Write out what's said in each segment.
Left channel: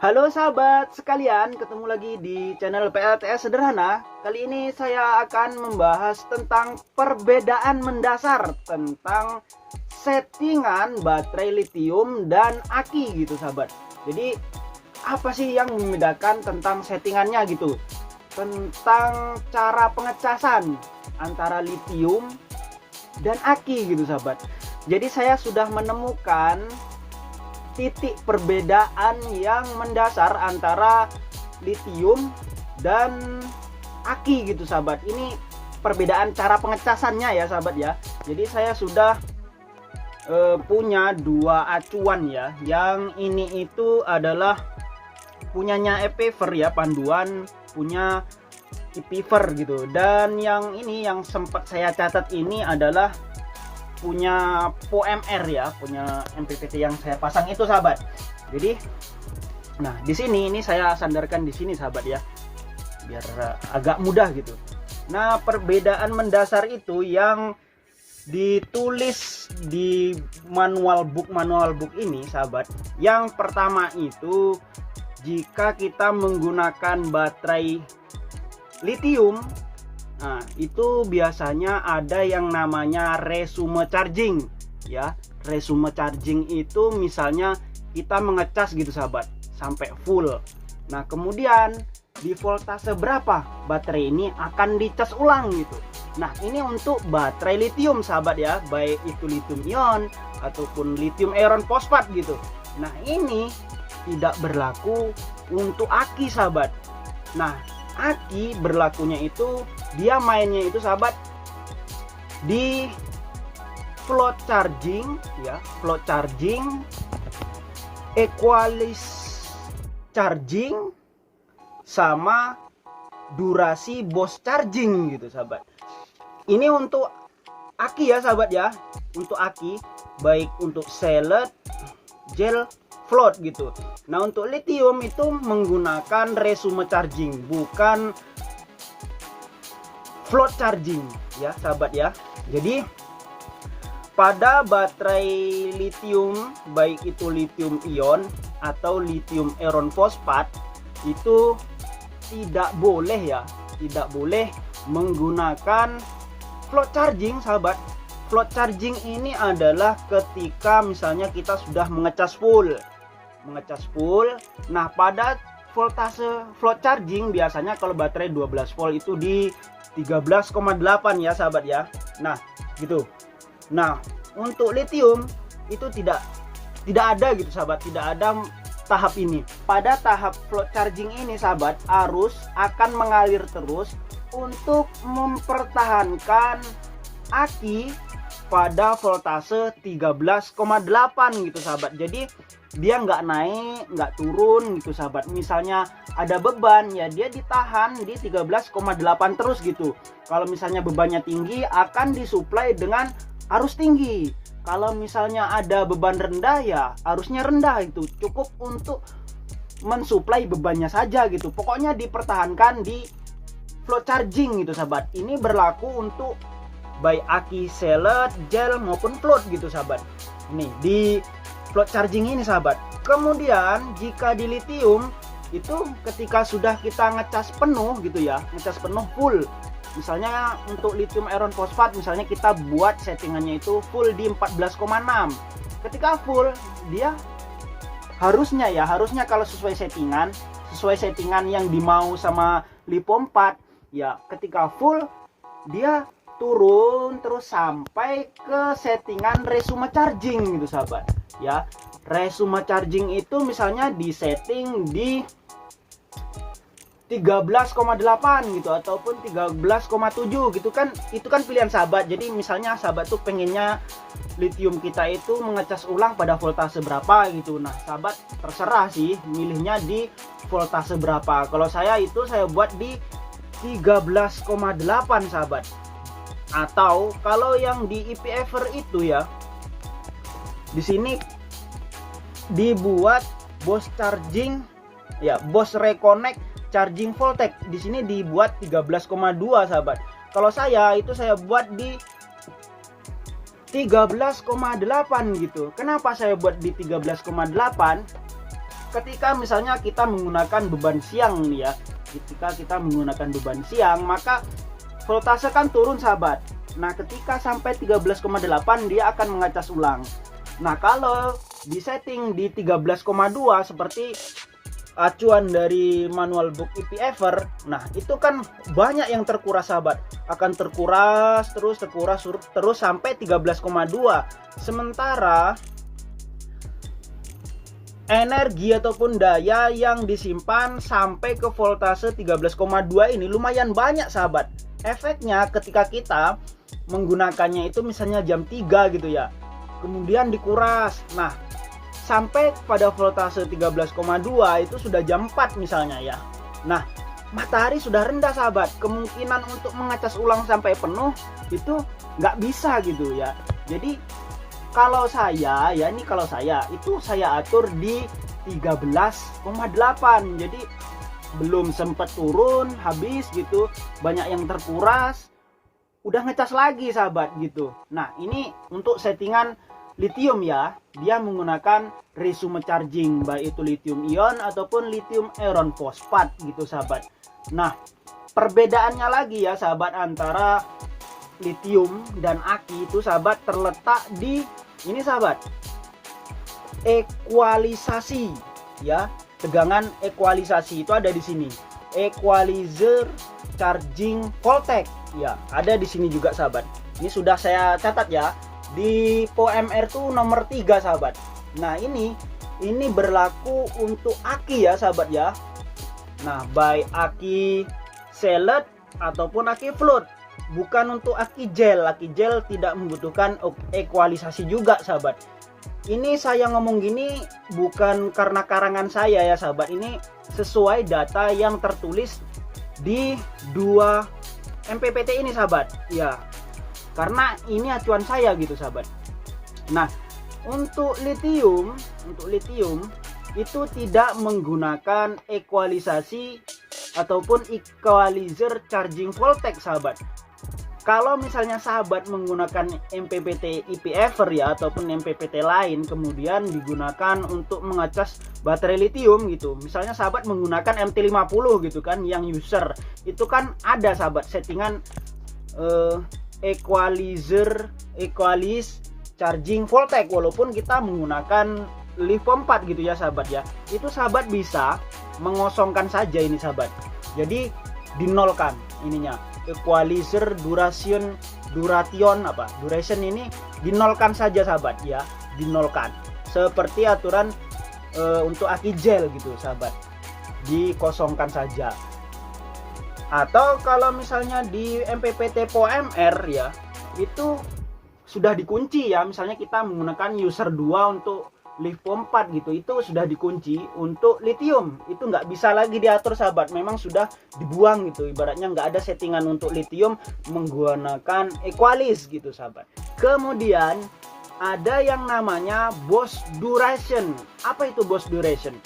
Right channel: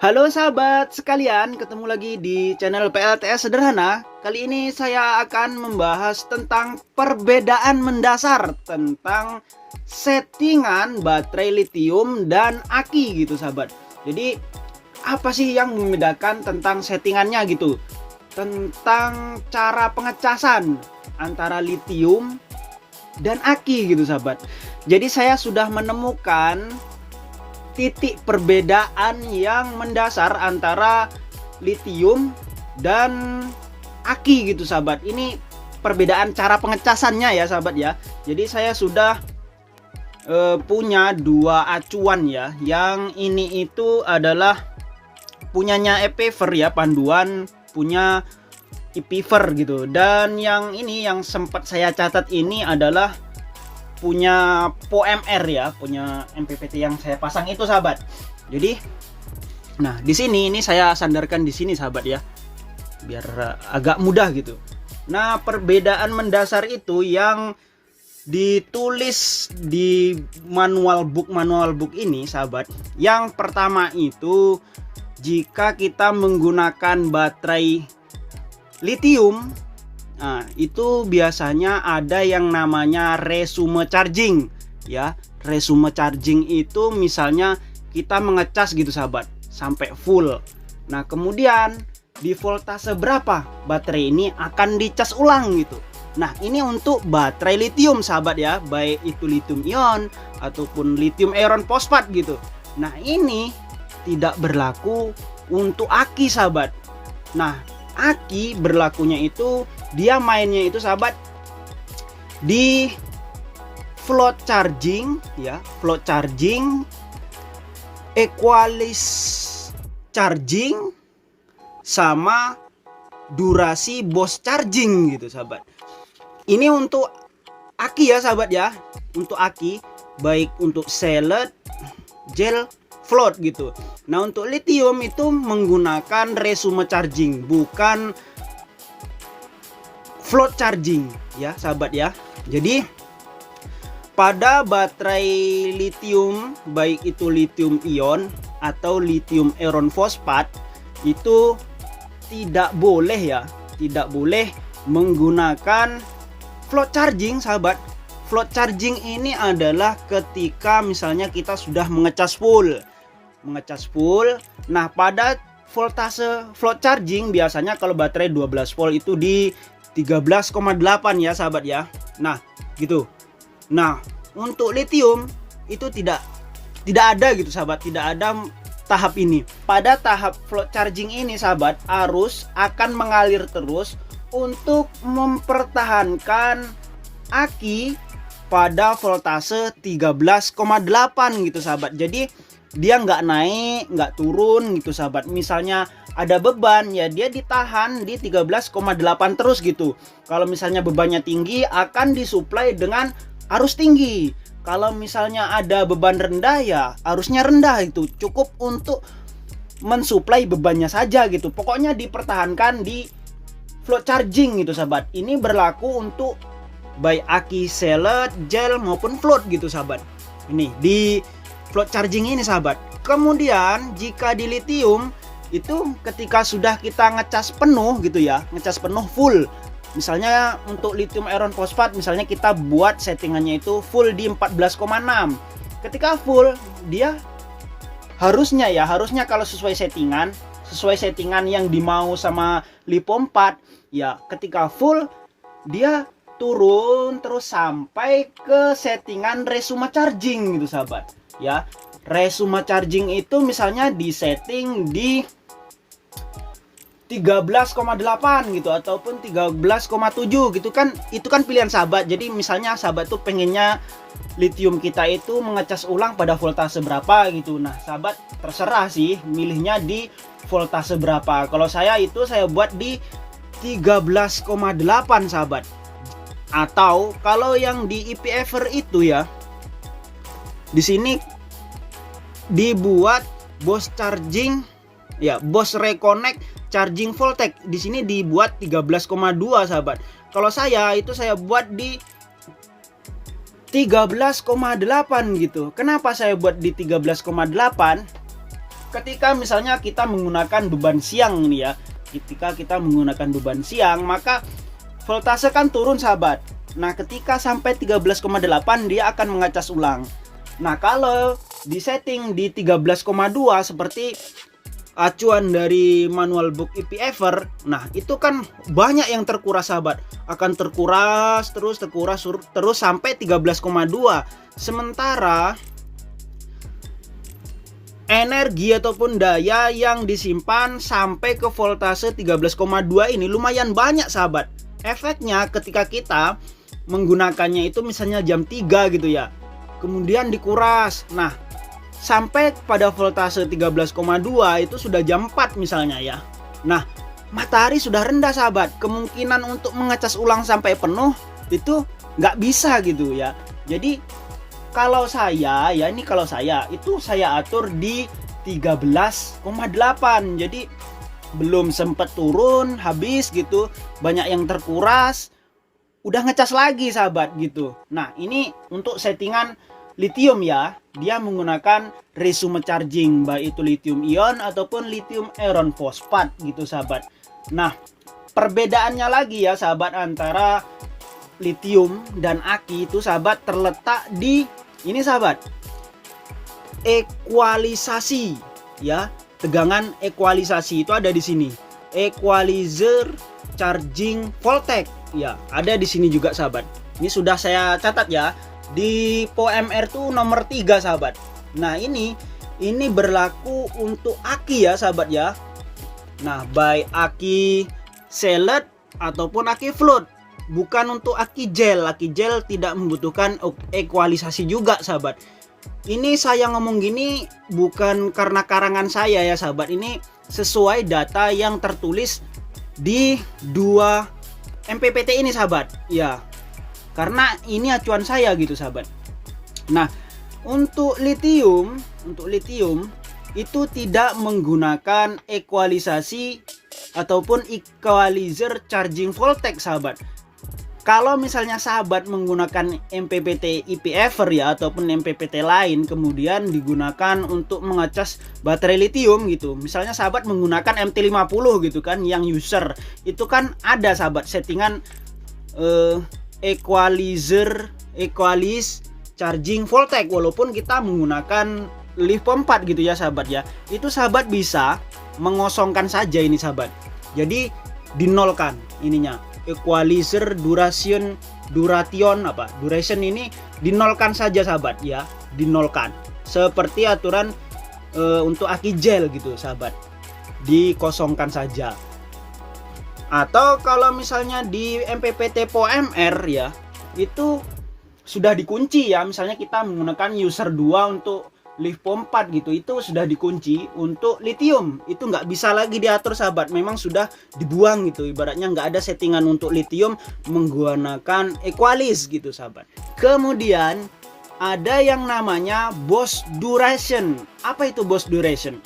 Halo sahabat sekalian, ketemu lagi di channel PLTS Sederhana. Kali ini saya akan membahas tentang perbedaan mendasar tentang settingan baterai lithium dan aki gitu sahabat. Jadi apa sih yang membedakan tentang settingannya gitu? Tentang cara pengecasan antara lithium dan aki gitu sahabat. Jadi saya sudah menemukan titik perbedaan yang mendasar antara lithium dan aki gitu sahabat. Ini perbedaan cara pengecasannya ya sahabat ya. Jadi saya sudah punya dua acuan ya. Yang ini itu adalah punyanya Epever ya, panduan punya Epever gitu. Dan yang ini yang sempat saya catat ini adalah punya POMR ya, punya MPPT yang saya pasang itu sahabat. Jadi nah di sini ini saya sandarkan di sini sahabat ya, biar agak mudah gitu. Nah perbedaan mendasar itu yang ditulis di manual book ini sahabat. Yang pertama itu jika kita menggunakan baterai lithium, nah, itu biasanya ada yang namanya resume charging ya. Resume charging itu misalnya kita mengecas gitu sahabat sampai full. Nah, kemudian di voltase berapa baterai ini akan dicas ulang gitu. Nah, ini untuk baterai lithium sahabat ya, baik itu lithium ion ataupun lithium iron fosfat gitu. Nah, ini tidak berlaku untuk aki sahabat. Nah, aki berlakunya itu dia mainnya itu sahabat di float charging ya, float charging, equalize charging, sama durasi burst charging gitu sahabat. Ini untuk aki ya sahabat ya, untuk aki baik untuk cellet, gel, float gitu. Nah untuk lithium itu menggunakan resume charging, bukan float charging ya sahabat ya. Jadi pada baterai lithium baik itu lithium ion atau lithium iron fosfat itu tidak boleh ya, tidak boleh menggunakan float charging sahabat. Float charging ini adalah ketika misalnya kita sudah mengecas full. Nah pada voltase float charging biasanya kalau baterai 12 volt itu di 13,8 ya sahabat ya. Nah gitu. Nah untuk lithium itu tidak ada gitu sahabat, tidak ada tahap ini. Pada tahap float charging ini sahabat, arus akan mengalir terus untuk mempertahankan aki pada voltase 13,8 gitu sahabat. Jadi dia nggak naik nggak turun gitu sahabat. Misalnya ada beban ya dia ditahan di 13,8 terus gitu. Kalau misalnya bebannya tinggi akan disuplai dengan arus tinggi. Kalau misalnya ada beban rendah ya arusnya rendah, itu cukup untuk mensuplai bebannya saja gitu. Pokoknya dipertahankan di float charging gitu sahabat. Ini berlaku untuk baik aki, cellet, gel maupun float gitu sahabat. Ini di float charging ini sahabat. Kemudian jika di lithium itu ketika sudah kita ngecas penuh gitu ya, ngecas penuh full. Misalnya untuk lithium iron fosfat misalnya kita buat settingannya itu full di 14,6. Ketika full dia harusnya kalau sesuai settingan yang dimau sama Lipo 4 ya, ketika full dia turun terus sampai ke settingan resume charging gitu sahabat ya. Resume charging itu misalnya di setting di 13,8 gitu ataupun 13,7 gitu kan, itu kan pilihan sahabat. Jadi misalnya sahabat tuh pengennya lithium kita itu mengecas ulang pada voltase berapa gitu. Nah sahabat terserah sih milihnya di voltase berapa. Kalau saya itu saya buat di 13,8 sahabat. Atau kalau yang di Epever itu ya, di sini dibuat burst charging ya, burst reconnect charging voltage. Di sini dibuat 13,2 sahabat. Kalau saya itu saya buat di 13,8 gitu. Kenapa saya buat di 13,8? ketika misalnya kita menggunakan beban siang nih ya, ketika kita menggunakan beban siang, maka voltase kan turun sahabat. Nah ketika sampai 13,8 dia akan mengecas ulang. Nah kalau di setting di 13,2 seperti acuan dari manual book EPFer, nah itu kan banyak yang terkuras sahabat, akan terkuras terus sampai 13,2. Sementara energi ataupun daya yang disimpan sampai ke voltase 13,2 ini lumayan banyak sahabat. Efeknya ketika kita menggunakannya itu misalnya jam 3 gitu ya, kemudian dikuras, nah sampai pada voltase 13,2 itu sudah jam 4 misalnya ya. Nah matahari sudah rendah sahabat, kemungkinan untuk mengecas ulang sampai penuh itu nggak bisa gitu ya. Jadi kalau saya ya, ini kalau saya itu saya atur di 13,8, jadi belum sempat turun habis gitu, banyak yang terkuras, udah ngecas lagi sahabat gitu. Nah ini untuk settingan lithium ya, dia menggunakan resume charging, baik itu lithium ion ataupun lithium iron fosfat gitu sahabat. Nah perbedaannya lagi ya sahabat antara lithium dan aki itu sahabat terletak di ini sahabat, ekualisasi ya. Tegangan ekualisasi itu ada di sini, equalizer charging voltage ya, ada di sini juga sahabat. Ini sudah saya catat ya, di POMR tuh nomor 3 sahabat. Nah ini berlaku untuk aki ya sahabat ya. Nah baik aki seled ataupun aki float, bukan untuk aki gel. Aki gel tidak membutuhkan ekualisasi juga sahabat. Ini saya ngomong gini bukan karena karangan saya ya sahabat, ini sesuai data yang tertulis di 2 MPPT ini sahabat ya, karena ini acuan saya gitu sahabat. Nah untuk lithium itu tidak menggunakan ekualisasi ataupun equalizer charging voltage sahabat. Kalau misalnya sahabat menggunakan MPPT EPFer ya ataupun MPPT lain, kemudian digunakan untuk mengecas baterai lithium gitu, misalnya sahabat menggunakan MT50 gitu kan, yang user itu kan ada sahabat settingan equalize charging voltage, walaupun kita menggunakan LiPo 4 gitu ya sahabat ya, itu sahabat bisa mengosongkan saja ini sahabat, jadi dinolkan ininya, equalizer duration ini dinolkan saja sahabat ya, dinolkan seperti aturan untuk aki gel gitu sahabat, dikosongkan saja. Atau kalau misalnya di MPPT POMR ya, itu sudah dikunci ya, misalnya kita menggunakan user 2 untuk LiPo 4 gitu, itu sudah dikunci. Untuk lithium itu nggak bisa lagi diatur sahabat, memang sudah dibuang gitu, ibaratnya nggak ada settingan untuk lithium menggunakan equalize gitu sahabat. Kemudian ada yang namanya Bose duration. Apa itu Bose duration?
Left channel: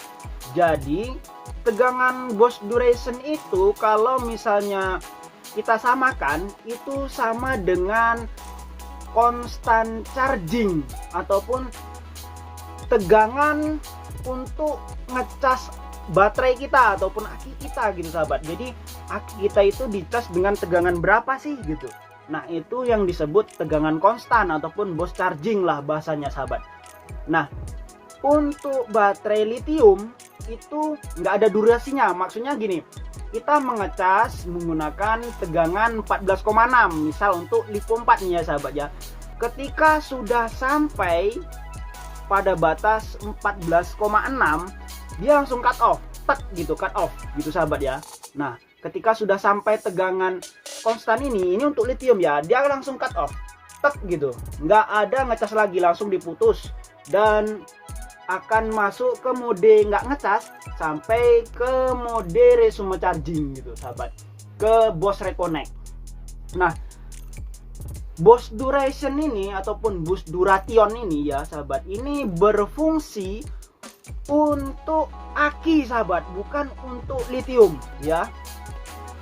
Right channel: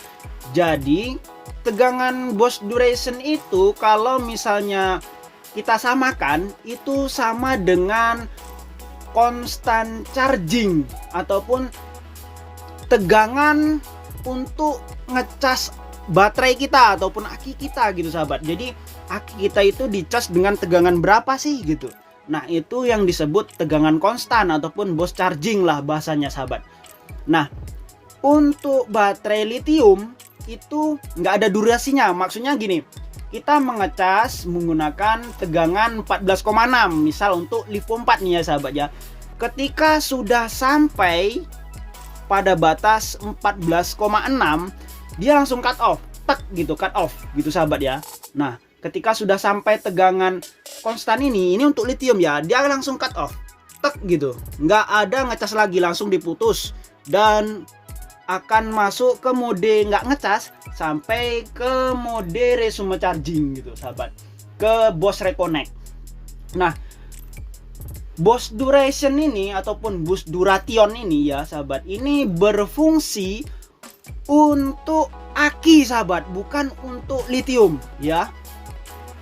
Jadi tegangan Bose duration itu kalau misalnya kita samakan itu sama dengan constant charging ataupun tegangan untuk ngecas baterai kita ataupun aki kita gitu sahabat. Jadi aki kita itu dicas dengan tegangan berapa sih gitu. Nah itu yang disebut tegangan konstan ataupun Bose charging lah bahasanya sahabat. Nah untuk baterai lithium itu nggak ada durasinya, maksudnya gini, kita mengecas menggunakan tegangan 14,6 misal untuk LiPo 4 nih ya sahabat ya. Ketika sudah sampai pada batas 14,6 dia langsung cut off, tek gitu, cut off gitu sahabat ya. Nah ketika sudah sampai tegangan konstan ini untuk lithium ya, dia langsung cut off, tek gitu, nggak ada ngecas lagi, langsung diputus dan akan masuk ke mode nggak ngecas sampai ke mode resume charging gitu sahabat, ke Bose Reconnect. Nah Bose duration ini ataupun Bose duration ini ya sahabat, ini berfungsi untuk aki sahabat, bukan untuk lithium ya.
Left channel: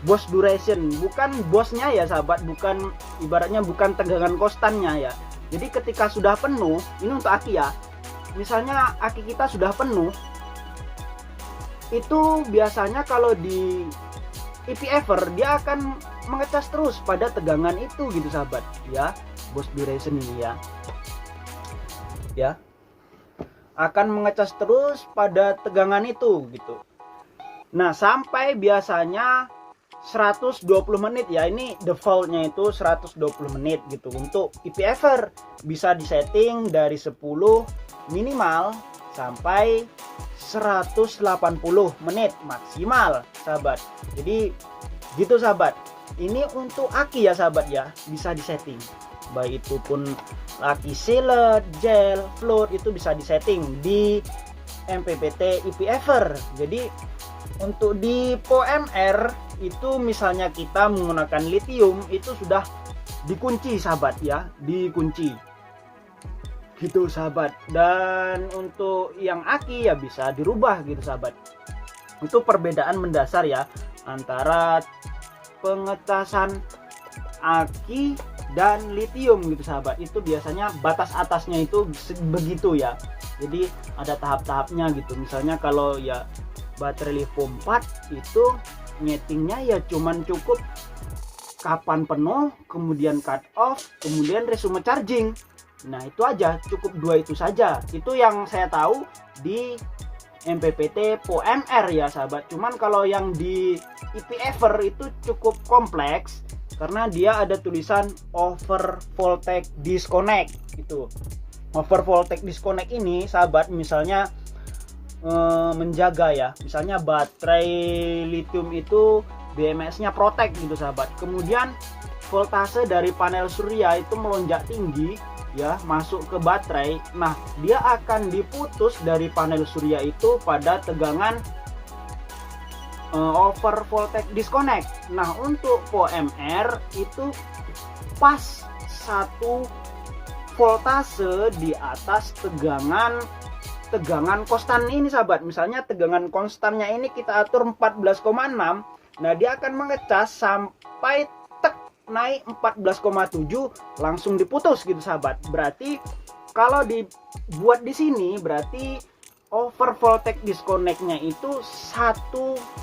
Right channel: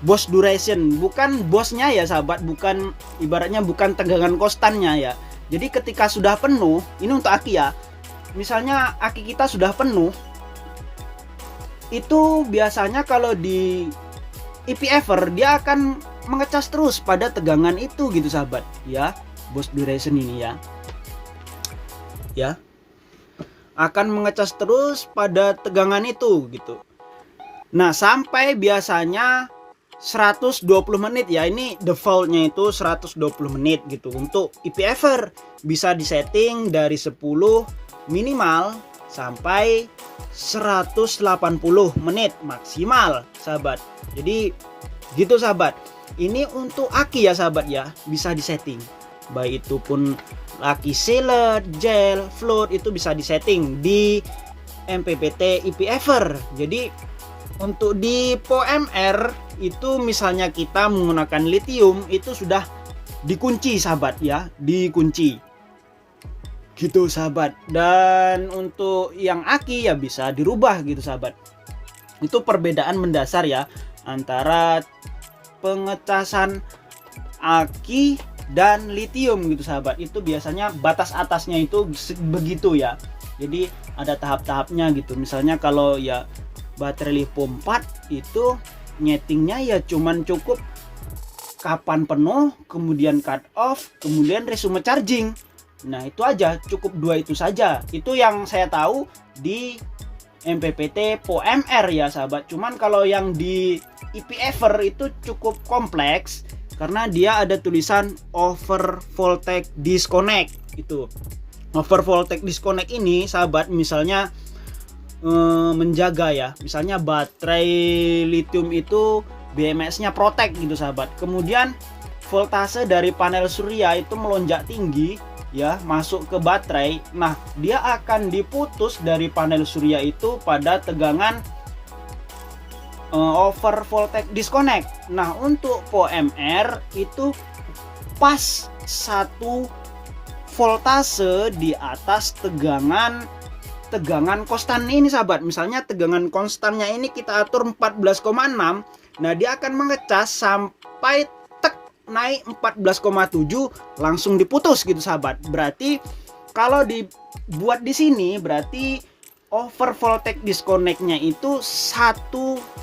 Bose duration bukan bosnya ya sahabat, bukan ibaratnya bukan tegangan konstannya ya. Jadi ketika sudah penuh, ini untuk aki ya, misalnya aki kita sudah penuh itu biasanya kalau di EPFer dia akan mengecas terus pada tegangan itu gitu sahabat ya. Boost duration ini ya akan mengecas terus pada tegangan itu gitu. Nah sampai biasanya 120 menit ya, ini defaultnya itu 120 menit gitu. Untuk EPFer bisa disetting dari 10 minimal sampai 180 menit maksimal sahabat. Jadi gitu sahabat. Ini untuk aki ya sahabat ya, bisa disetting. Baik itu pun aki sealer, gel, float itu bisa disetting di MPPT EPFer. Jadi untuk di POMR itu misalnya kita menggunakan lithium itu sudah dikunci sahabat ya, dikunci gitu sahabat. Dan untuk yang aki ya bisa dirubah gitu sahabat. Itu perbedaan mendasar ya antara pengecasan aki dan lithium gitu sahabat. Itu biasanya batas atasnya itu begitu ya. Jadi ada tahap-tahapnya gitu. Misalnya kalau ya baterai lithium 4 itu nyetingnya ya cuman cukup kapan penuh, kemudian cut off, kemudian resume charging. Nah itu aja, cukup dua itu saja. Itu yang saya tahu di MPPT POMR ya sahabat. Cuman kalau yang di EPFer itu cukup kompleks karena dia ada tulisan over voltage disconnect. Itu over voltage disconnect ini sahabat, misalnya menjaga ya, misalnya baterai lithium itu BMS-nya protect gitu sahabat. Kemudian voltase dari panel surya itu melonjak tinggi ya, masuk ke baterai. Nah dia akan diputus dari panel surya itu pada tegangan over voltage disconnect. Nah untuk POMR itu pas 1 voltase di atas tegangan konstan ini sahabat. Misalnya tegangan konstannya ini kita atur 14,6. Nah dia akan mengecas sampai naik 14,7 langsung diputus gitu sahabat. Berarti kalau dibuat di sini berarti over voltage disconnect-nya itu 1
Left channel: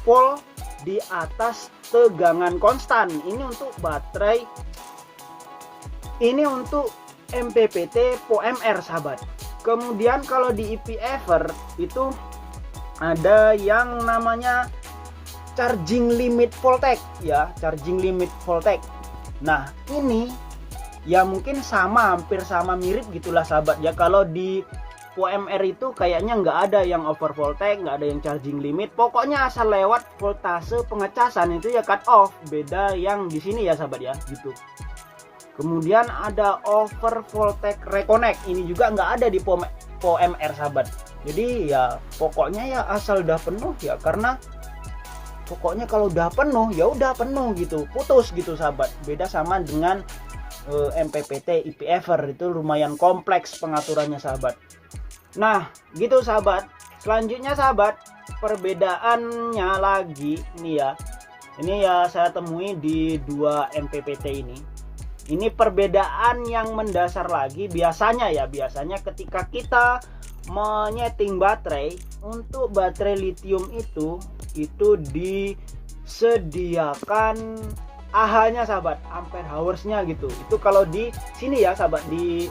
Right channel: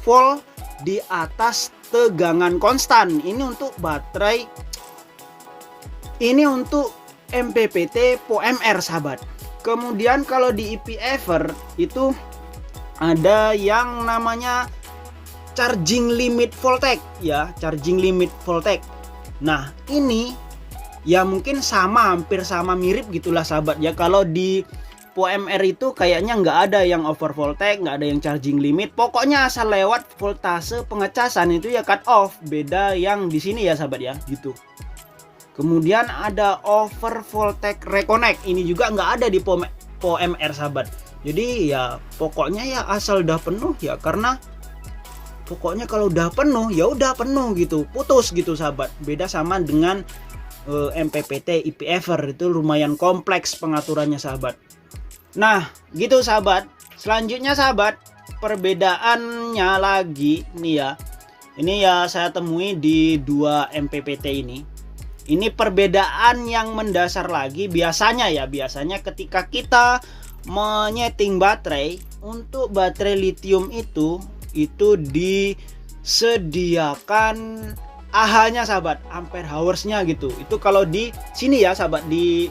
volt di atas tegangan konstan. Ini untuk baterai, ini untuk MPPT POMR sahabat. Kemudian kalau di EPFer itu ada yang namanya charging limit voltage ya, charging limit voltage. Nah ini ya mungkin sama, hampir sama, mirip gitulah sahabat ya. Kalau di POMR itu kayaknya nggak ada yang over voltage, nggak ada yang charging limit. Pokoknya asal lewat voltase pengecasan itu ya cut off. Beda yang di sini ya sahabat ya gitu. Kemudian ada over voltage reconnect. Ini juga nggak ada di POMR sahabat. Jadi ya pokoknya ya asal udah penuh ya, karena pokoknya kalau udah penuh ya udah penuh gitu, putus gitu sahabat. Beda sama dengan MPPT EPFer, itu lumayan kompleks pengaturannya sahabat. Nah gitu sahabat. Selanjutnya sahabat, perbedaannya lagi nih ya. Ini ya saya temui di 2 MPPT ini. Ini perbedaan yang mendasar lagi. Biasanya ketika kita menyeting baterai, untuk baterai lithium itu disediakan AH-nya sahabat, ampere hours-nya gitu. Itu kalau di sini ya sahabat, di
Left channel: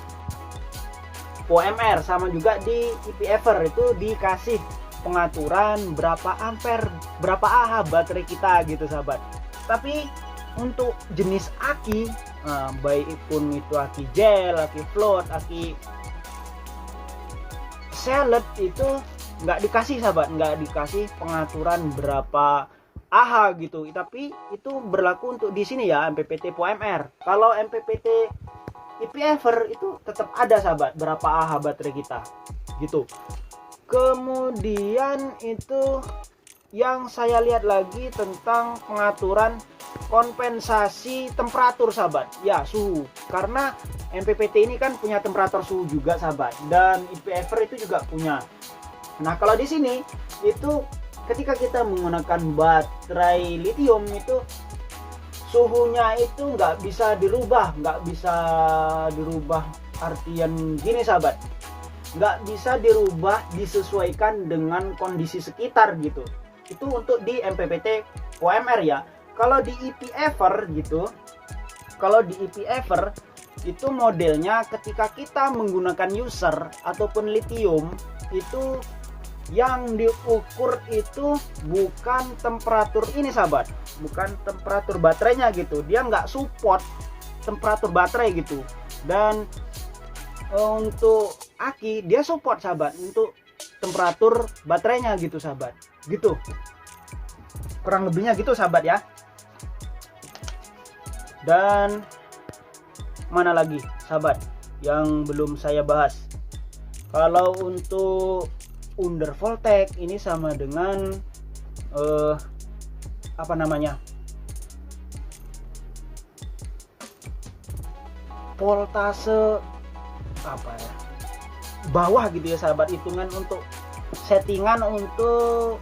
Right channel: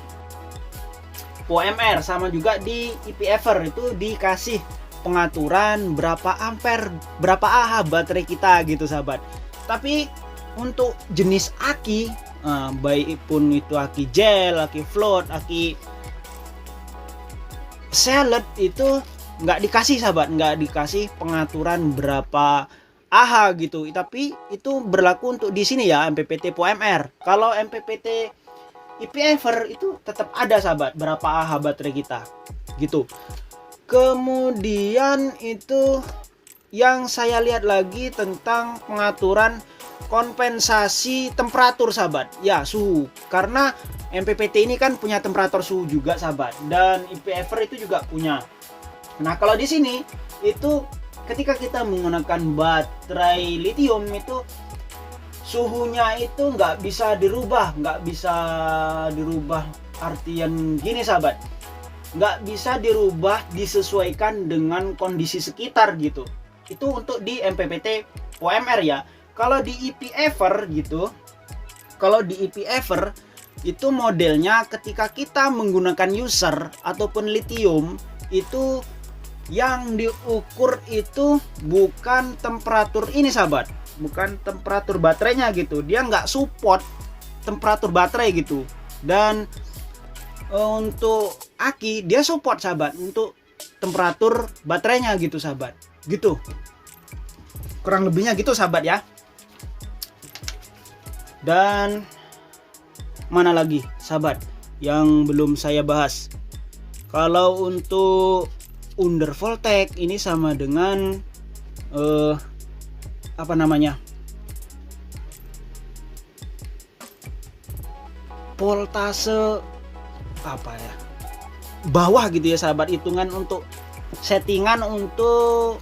POMR sama juga di EPFer itu dikasih pengaturan berapa ampere, berapa AH baterai kita gitu sahabat. Tapi untuk jenis aki, baik pun itu aki gel, aki float, aki sealer, itu nggak dikasih sahabat, nggak dikasih pengaturan berapa AH gitu. Tapi itu berlaku untuk di sini ya, MPPT POMR. Kalau MPPT EPFer itu tetap ada sahabat, berapa AH baterai kita gitu. Kemudian itu yang saya lihat lagi tentang pengaturan kompensasi temperatur sahabat ya, suhu. Karena MPPT ini kan punya temperatur suhu juga sahabat, dan EPFer itu juga punya. Nah kalau di sini itu ketika kita menggunakan baterai lithium itu suhunya itu nggak bisa dirubah, artian gini sahabat, nggak bisa dirubah disesuaikan dengan kondisi sekitar gitu. Itu untuk di MPPT OMR ya. Kalau di EPFer gitu, kalau di EPFer itu modelnya ketika kita menggunakan user ataupun lithium, itu yang diukur itu bukan temperatur ini sahabat, bukan temperatur baterainya gitu. Dia nggak support temperatur baterai gitu. Dan untuk aki dia support sahabat untuk temperatur baterainya gitu sahabat. Gitu. Kurang lebihnya gitu sahabat ya. Dan mana lagi sahabat yang belum saya bahas? Kalau untuk undervoltage ini sama dengan apa namanya, voltase apa ya, bawah gitu ya sahabat, hitungan untuk settingan untuk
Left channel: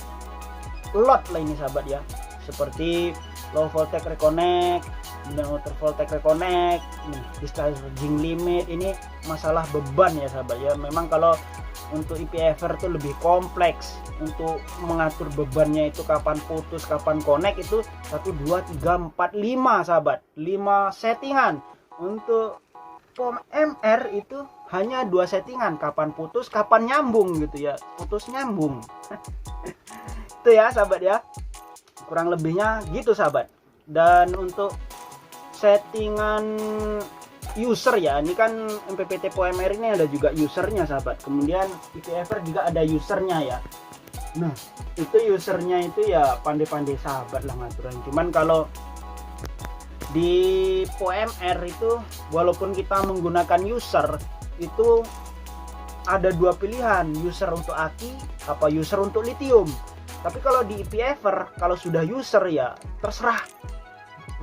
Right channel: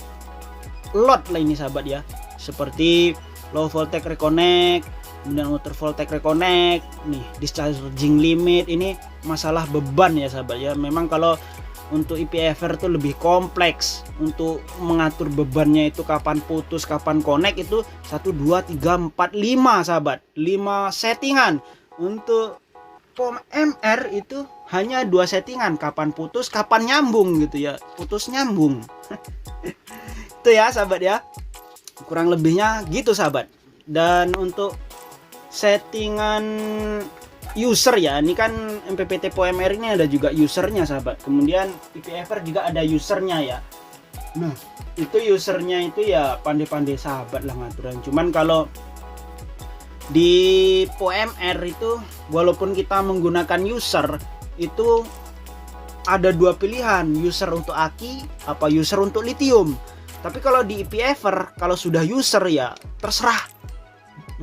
load lah ini sahabat ya, seperti low voltage reconnect, kemudian water voltage reconnect, nih discharging limit, ini masalah beban ya sahabat ya. Memang kalau untuk EPFer itu lebih kompleks untuk mengatur bebannya, itu kapan putus kapan connect, itu 1 2 3 4 5 sahabat, 5 settingan. Untuk POMR itu hanya 2 settingan, kapan putus kapan nyambung gitu ya, putus nyambung. Itu ya sahabat ya, kurang lebihnya gitu sahabat. Dan untuk settingan user ya, ini kan MPPT POMR ini ada juga usernya sahabat, kemudian EPFer juga ada usernya ya. Nah itu usernya itu ya pandai-pandai sahabat lah ngaturan. Cuman kalau di POMR itu walaupun kita menggunakan user itu ada 2 pilihan, user untuk aki apa user untuk lithium. Tapi kalau di EPFer kalau sudah user ya terserah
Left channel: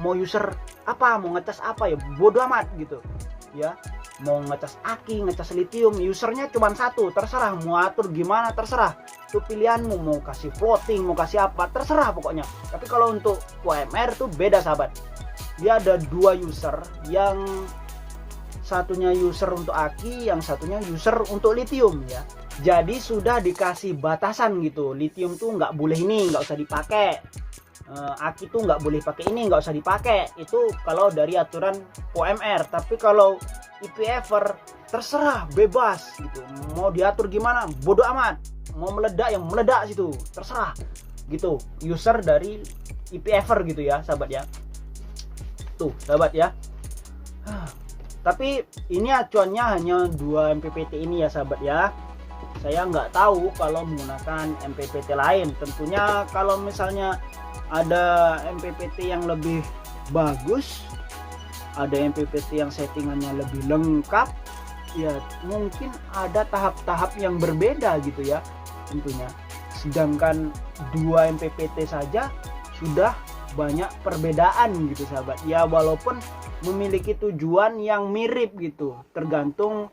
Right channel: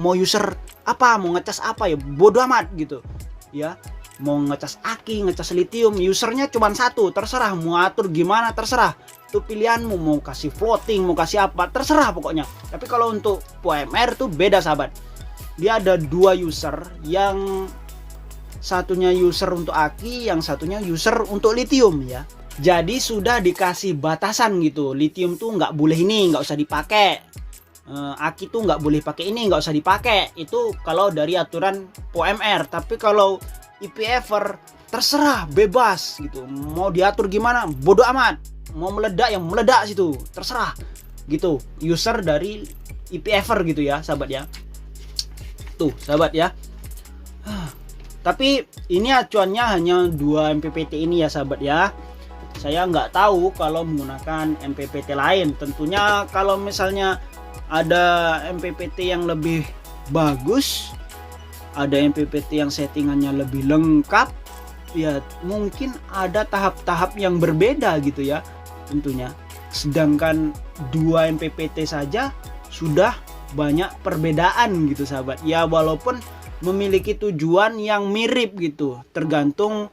mau user apa, mau ngecas apa ya bodo amat gitu ya. Mau ngecas aki, ngecas lithium, usernya cuma satu, terserah mau atur gimana terserah, itu pilihanmu, mau kasih floating, mau kasih apa terserah pokoknya. Tapi kalau untuk POMR tuh beda sahabat, dia ada 2 user, yang satunya user untuk aki, yang satunya user untuk lithium ya. Jadi sudah dikasih batasan gitu, lithium tuh nggak boleh ini, nggak usah dipakai, aki tuh nggak boleh pakai ini, nggak usah dipakai. Itu kalau dari aturan POMR. Tapi kalau EPFer terserah, bebas gitu, mau diatur gimana bodo amat, mau meledak yang meledak situ terserah gitu, user dari EPFer gitu ya sahabat ya. Tuh sahabat ya. Tapi ini acuannya hanya 2 MPPT ini ya sahabat ya. Saya nggak tahu kalau menggunakan MPPT lain. Tentunya kalau misalnya ada MPPT yang lebih bagus, ada MPPT yang settingannya lebih lengkap, ya mungkin ada tahap-tahap yang berbeda gitu ya tentunya. Sedangkan 2 MPPT saja sudah banyak perbedaan gitu sahabat ya, walaupun memiliki tujuan yang mirip gitu, tergantung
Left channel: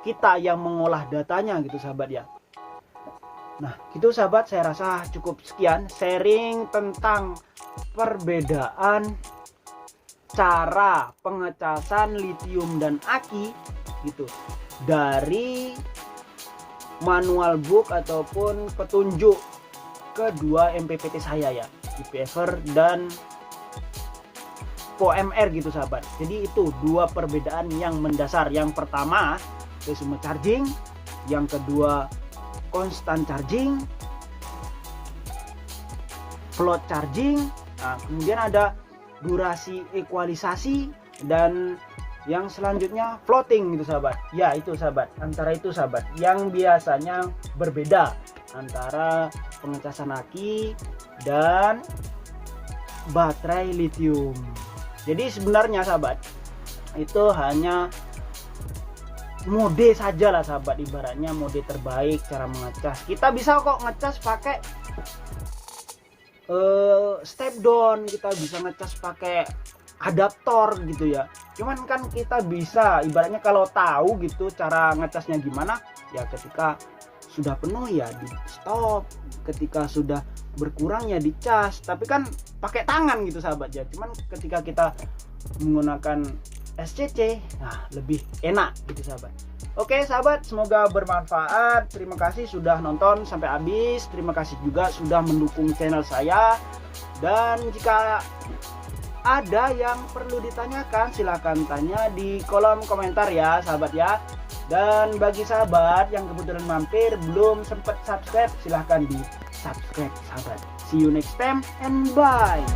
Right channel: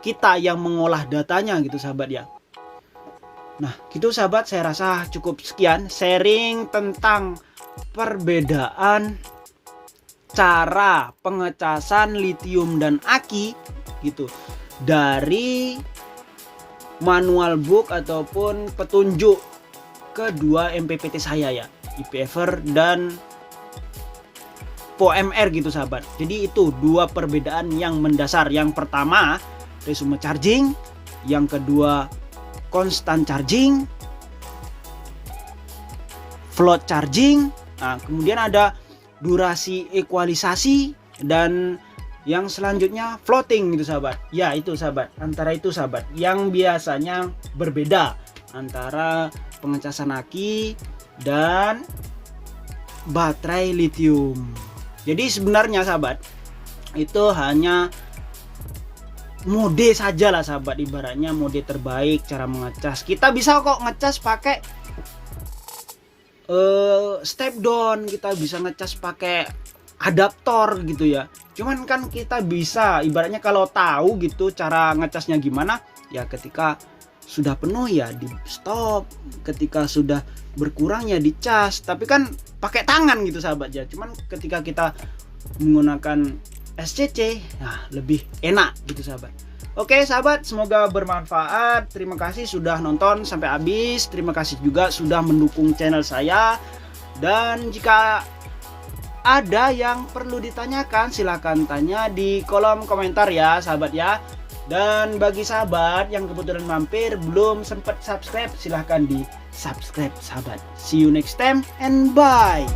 kita yang mengolah datanya gitu sahabat ya. Nah gitu sahabat, saya rasa cukup sekian sharing tentang perbedaan cara pengecasan lithium dan aki gitu dari manual book ataupun petunjuk kedua MPPT saya ya, EPFer dan POMR gitu sahabat. Jadi itu 2 perbedaan yang mendasar. Yang pertama resume charging, yang kedua constant charging, float charging. Nah, kemudian ada durasi ekualisasi, dan yang selanjutnya floating gitu sahabat. Ya itu sahabat, antara itu sahabat yang biasanya berbeda antara pengecasan aki dan baterai lithium. Jadi sebenarnya sahabat itu hanya mode saja lah sahabat, ibaratnya mode terbaik cara mengecas. Kita bisa kok ngecas pakai step down, kita bisa ngecas pakai adaptor gitu ya. Cuman kan kita bisa ibaratnya kalau tahu gitu cara ngecasnya gimana ya, ketika sudah penuh ya di stop, ketika sudah berkurang ya dicas. Tapi kan pakai tangan gitu sahabat ya. Cuman ketika kita menggunakan SCC. Nah, lebih enak gitu sahabat. Oke sahabat, semoga bermanfaat. Terima kasih sudah nonton sampai habis. Terima kasih juga sudah mendukung channel saya. Dan jika ada yang perlu ditanyakan, silahkan tanya di kolom komentar ya sahabat ya. Dan bagi sahabat yang kebetulan mampir belum sempat subscribe, silahkan di subscribe sahabat. See you next time and bye.